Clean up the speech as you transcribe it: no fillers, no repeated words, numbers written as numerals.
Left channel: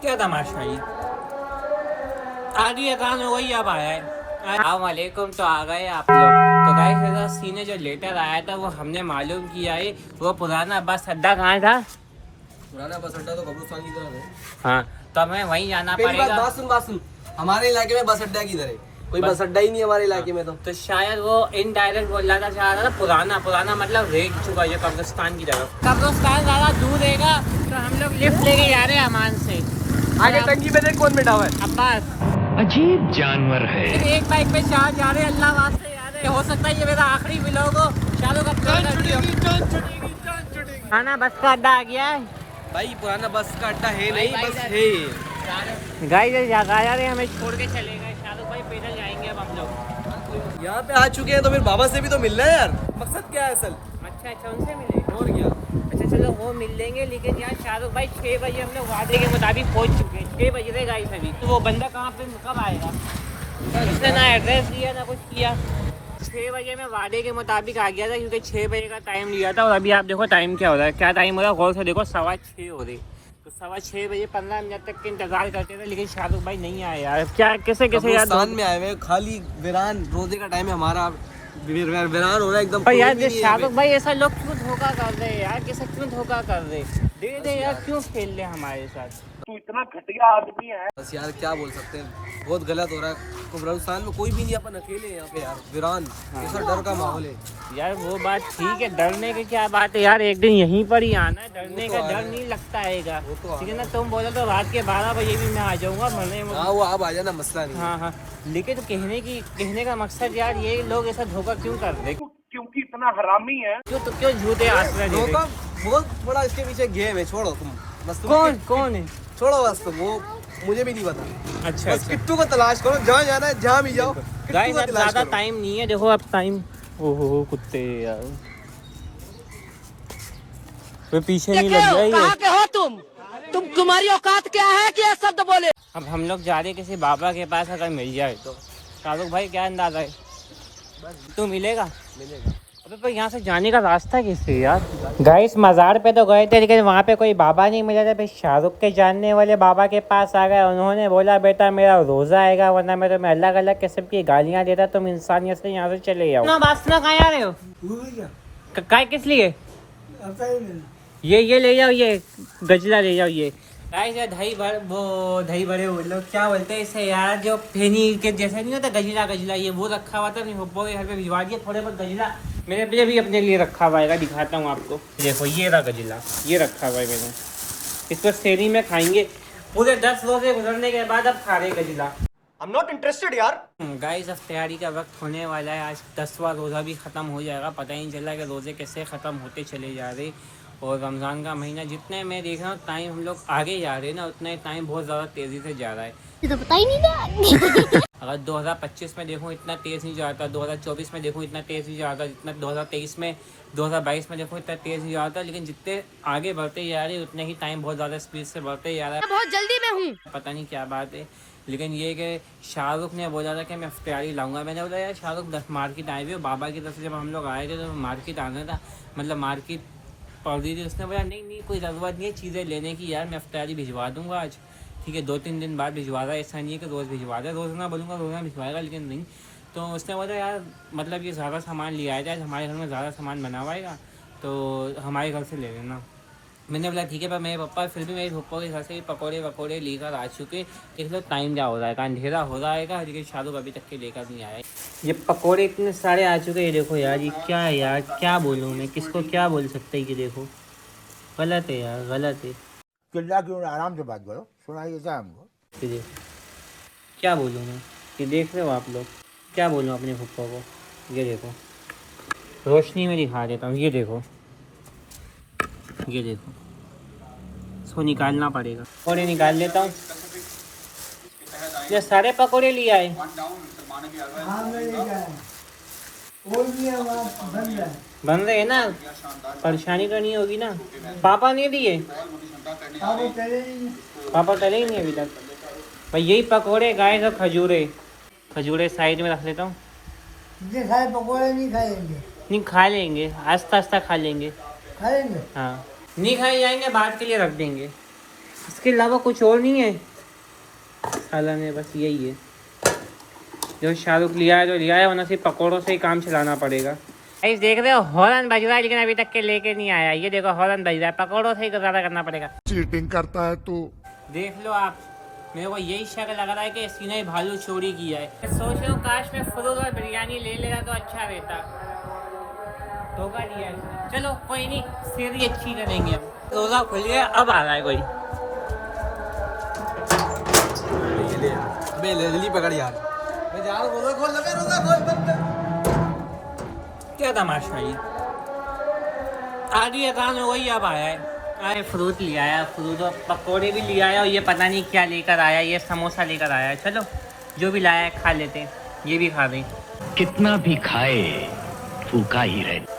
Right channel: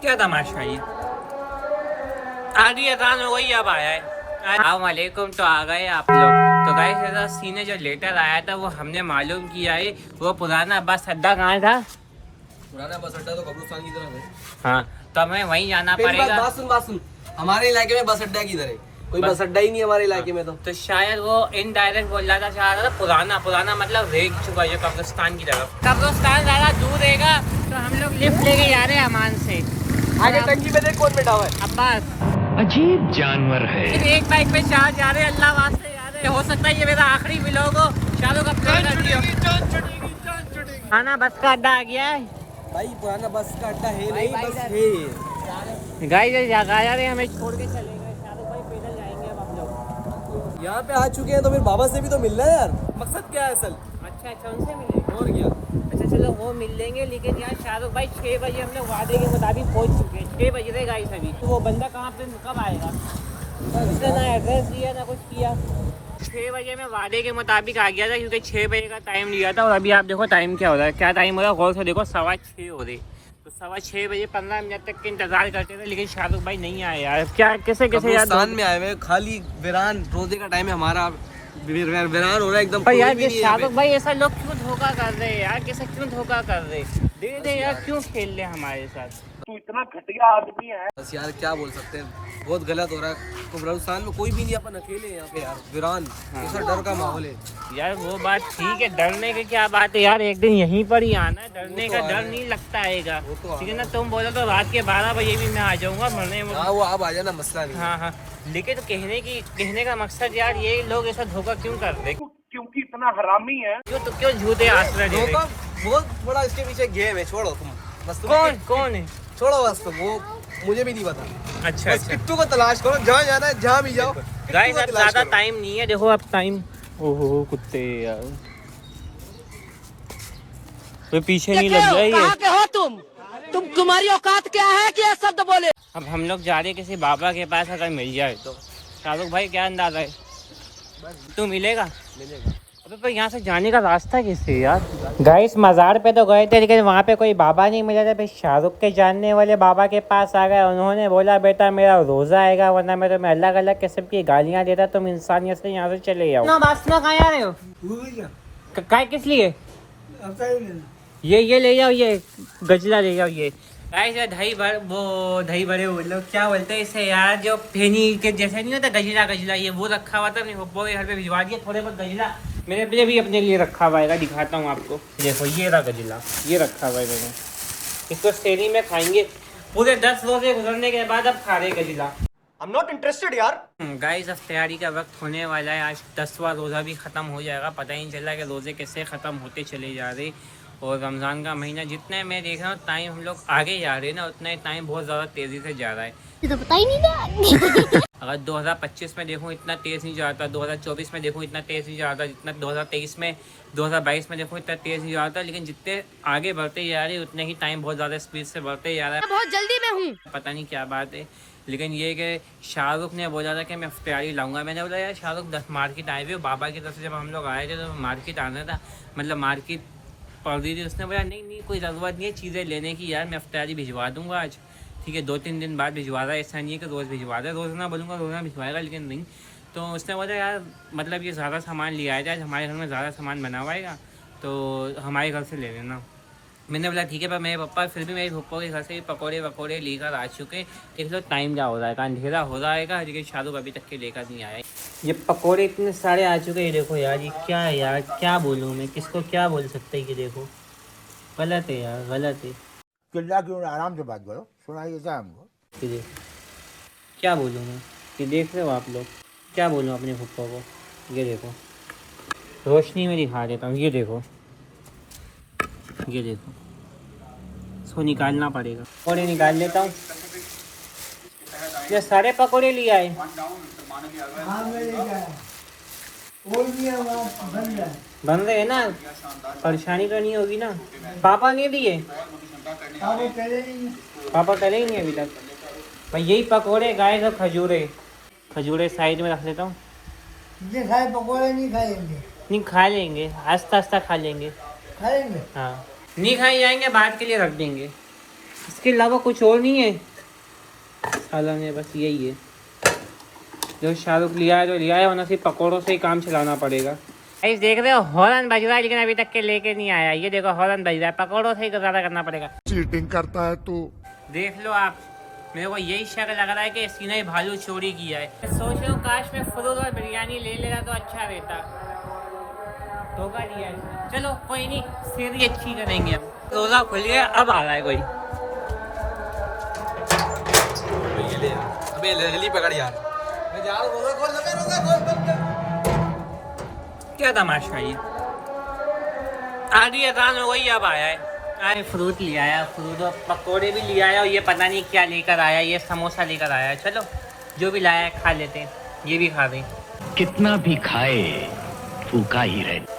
क्या तमाशा ये, आधी अजान हो गई अब आया है। अस्सलामुअलैकुम, तो आ गए आप लोग। तो गाइस सीने जो लेटर आया था वो हमने मालूम किया है, वो पुराना बस अड्डा कहाँ था? पुराना बस अड्डा तो कब्रिस्तान की तरफ है। हाँ, तो हमें वहीं जाना पड़ेगा। बात सुन, हमारे इलाके में बस अड्डा किधर है? कोई बस अड्डा ही नहीं हमारे इलाके में। तो शायद वो इनडायरेक्ट बोल रहा था, शायद पुराना मतलब रेग चुका जो कब्रिस्तान की तरफ। कब्रिस्तान ज्यादा दूर रहेगा, तो हम लोग लिफ्ट लेके जा रहे हैं अमान से। आगे टंकी में देख कौन बैठा हुआ है। अजीब जानवर है। एक बाइक पे चार जा रहे हैं, अल्लाह से जा रहे हैं। हो सकता है ये मेरा आखिरी व्लॉग हो। शाहरुख खाना बस का अड्डा आ गया है भाई, पुराना बस का अड्डा है नहीं, बस है। गाइस जा रहे हैं, हमें छोड़ के चले गए। शाहरुख भाई पैदल जाएंगे अब हम लोग। यहाँ पे आ चुके हैं तो फिर बाबा से भी तो मिलना है यार। मकसद क्या है असल? अच्छा उनसे मिलेंगे और क्या। अच्छा चलो वो मिल लेंगे, लेकिन यार शाहरुख भाई 6 बजे हम लोग वादे के मुताबिक पहुंच चुके हैं। 6 बज रहे गाइस अभी। तो वो बंदा कहाँ पे कब आएगा? उसने ना एड्रेस दिया ना कुछ किया। 6 बजे में वादे के मुताबिक आ गया था, क्योंकि 6 बजे का टाइम लिया था। और अभी आप देखो टाइम क्या हो रहा है, क्या टाइम हो रहा है गौर से देखो, 6:15 हो रही। तो 6:15 बजे 15 मिनट तक के इंतजार करते थे, लेकिन शाहरुख भाई नहीं आए यार। क्या कैसे यार में आए हुए, खाली वीरान रोजे का टाइम है हमारा। वीरान हो रहा है एकदम। पर यार शाहरुख भाई ऐसा लोग क्यों धोखा कर रहे हैं यार? कैसे क्यों धोखा कर रहे? दे दे यार, क्यों खेल रहे हमारे साथ? तू इतना घटिया आदमी है। बस यार क्या बोल सकते हैं, बहुत गलत हो रहा है। तो कब्रिस्तान में कोई भी नहीं, अपन अकेले हैं यहाँ पे यार। वीरान ऐसा डर का माहौल है यार। वो बात ठीक है, डरने की क्या बात है यार, एक दिन यहीं पर ही आना। डरने का डर नहीं लगता आएगा, ठीक है ना? तुम बोलो तो रात के 12 बजे भी मैं आ जाऊंगा मरने में। हाँ, वो अब आ जाना, मसला नहीं। हाँ, लेकिन कहने का मकसद यार, ये लोग ऐसा धोखा क्यों कर रहे? क्योंकि इतना हरामी है। क्यों झूठे आसरा दे रहे? वो थोड़ा इसके पीछे गेम है, छोड़ो तुम बस। कौन है? छोड़ो बस तुम, वो मुझे भी नहीं पता। अच्छा किट्टू को तलाश करो, जहाँ जाना है जहाँ भी जाओ। गाइस अब ज्यादा टाइम नहीं है, देखो अब टाइम। ओहो कुत्ते यार, तो पीछे नहीं लग जाए। कहाँ के हो तुम्हारी औकात क्या है कि ये शब्द बोले? अब हम लोग जा रहे हैं किसी बाबा के पास, अगर मिल जाए तो। शाहरुख भाई क्या अंदाजा है, तू मिलेगा? अबे पर यहाँ से जाने का रास्ता कैसे यार? गाइस मज़ार पे तो गए थे, लेकिन वहाँ पे कोई बाबा नहीं मिला था। फिर शाहरुख के जानने वाले बाबा के पास आ गए। उन्होंने बोला बेटा मेरा रोज़ा आएगा, वरना मैं तुम्हें अलग अलग किस्म की गालियाँ देता, तुम इंसानियत से यहाँ से चले जाओ ना। बात ना कहाँ आ रहे हो? काय किस लिए? ये ले जाओ, ये गजला ले जाओ। ये गाइस दही भरे वो लोग क्या बोलते हैं इसे यार, जो फेनी के जैसे नहीं होता गजला, ये वो रखा हुआ था। अपने हुब्बो के घर पे भिजवा दिया। थोड़े बहुत गजला मेरे लिए भी अपने लिए रखा हुआ है, दिखाता हूँ आपको। देखो ये रहा गजला, ये रखा हुआ है मैंने। इसको सेरी में खाएंगे पूरे 10 रोजे गुजरने के बाद। अब खा रहे गजला। I'm not interested यार। गाइस अब तैयारी का वक्त होने वाला है। आज 10वां रोज़ा भी ख़त्म हो जाएगा, पता ही नहीं चल रहा कि रोज़े कैसे ख़त्म होते चले जा रहे। और रमज़ान का महीना जितने मैं देख रहा हूँ टाइम हम लोग आगे जा रहे हैं ना, उतना टाइम बहुत ज़्यादा तेज़ी से जा रहा है। तो पता ही नहीं था। अगर 2025 में देखूँ इतना तेज़ नहीं जाता, 2024 में देखूँ इतना तेज़ नहीं जाता, जितना 2023 में 2022 में देखो इतना तेज़ नहीं जाता। लेकिन जितने आगे बढ़ते जा रहे हैं उतने ही टाइम बहुत ज़्यादा स्पीड से बढ़ते जा रहा है। बहुत जल्दी में हूँ, पता नहीं क्या बात है। लेकिन ये कि शाहरुख ने बोला था कि मैं इफ्तारी लाऊंगा। मैंने बोला यार शाहरुख मार्केट आए हुए बाबा की तरफ से, जब हम लोग आए थे तो मार्केट आना था, मतलब मार्केट पड़ रही थी। उसने बोला नहीं कोई ज़रूरत नहीं है चीज़ें लेने की यार, मैं इफ्तारी भिजवा दूंगा आज, ठीक है 2-3 दिन बाद भिजवा रहा है। ऐसा नहीं है कि रोज़ भिजवा रहा है, रोज़ ना बोलूँगा रोज़ ना भिजवाएगा, लेकिन नहीं। तो उसने बोला यार मतलब ये ज़्यादा सामान लिया जाए, हमारे घर में ज़्यादा सामान बना हुआ है तो हमारे घर से ले लेना। मैंने बोला ठीक है, पर मेरे पापा फिर भी मेरे पप्पा के घर से पकौड़े वकौड़े लेकर आ चुके। देख लो टाइम क्या हो रहा है, अंधेरा हो रहा है, लेकिन शाहरुख अभी तक के लेकर नहीं आया। ये पकौड़े इतने सारे आ चुके हैं, देखो यार ये क्या है यार, क्या बोलूँ मैं, किसको क्या बोल सकते हैं? ये देखो गलत है यार, गलत है। चिल्ला क्यों, आराम से बात करो, सुनाइए क्या हमको। ठीक है क्या बोलूँ मैं, ये देख रहे हो आप लोग, क्या बोलूँ अपने पप्पा को? ये देखो रोशनी में दिखा देता हूँ, ये देखो इसको निकालना पड़ेगा। पकौड़े निकाल लेता हूँ, ये सारे पकौड़े लिए आए। बन रहे हैं ना, परेशानी तो नहीं होगी ना? पापा नहीं लिए, पापा करे ही नहीं अभी तक। भाई यही पकौड़े गाय तो खजूरे साइड में रख लेता हूँ। पकौड़े नहीं खाएंगे? नहीं खा लेंगे, आस्ता आस्ता खा लेंगे। खाएंगे? हाँ नहीं खाए जाएंगे, बाद के लिए रख देंगे। इसके अलावा कुछ और नहीं है साला ने, बस यही है जो शाहरुख लिया है तो लिया है, वरना सिर्फ पकौड़ों से ही काम चलाना पड़ेगा। गाइस देख रहे हो हॉर्न बज रहा है, लेकिन अभी तक के लेके नहीं आया। ये देखो हॉर्न बज रहा है, पकौड़ों से ही गुजारा करना पड़ेगा। चीटिंग करता है तू। देख लो आप, मेरे को यही शक लग रहा है कि इसने ही भालू चोरी किया है। मैं सोच रहा हूँ काश मैं फुरूल और बिरयानी ले लेता तो अच्छा रहता। धोखा दिया है। चलो कोई नहीं, फिर ही अच्छी करेंगे हम। रोजा खुल गया, अब आ रहा है कोई। ये ले अबे जल्दी पकड़ यार। मैं जा रहा हूं, रोजा खोल लगे, रोजा खोल बंद कर। क्या तमाशा है? आधी अजान हो गई, अब आया है। फ्रूट लिया है, फ्रूट और पकौड़े भी लिया है, और ये पता नहीं क्या लेकर आया, ये समोसा लेकर आया है। चलो जो भी लाया है खा लेते हैं, ये भी खा लें। कितना भी खाए फूका ही रहे।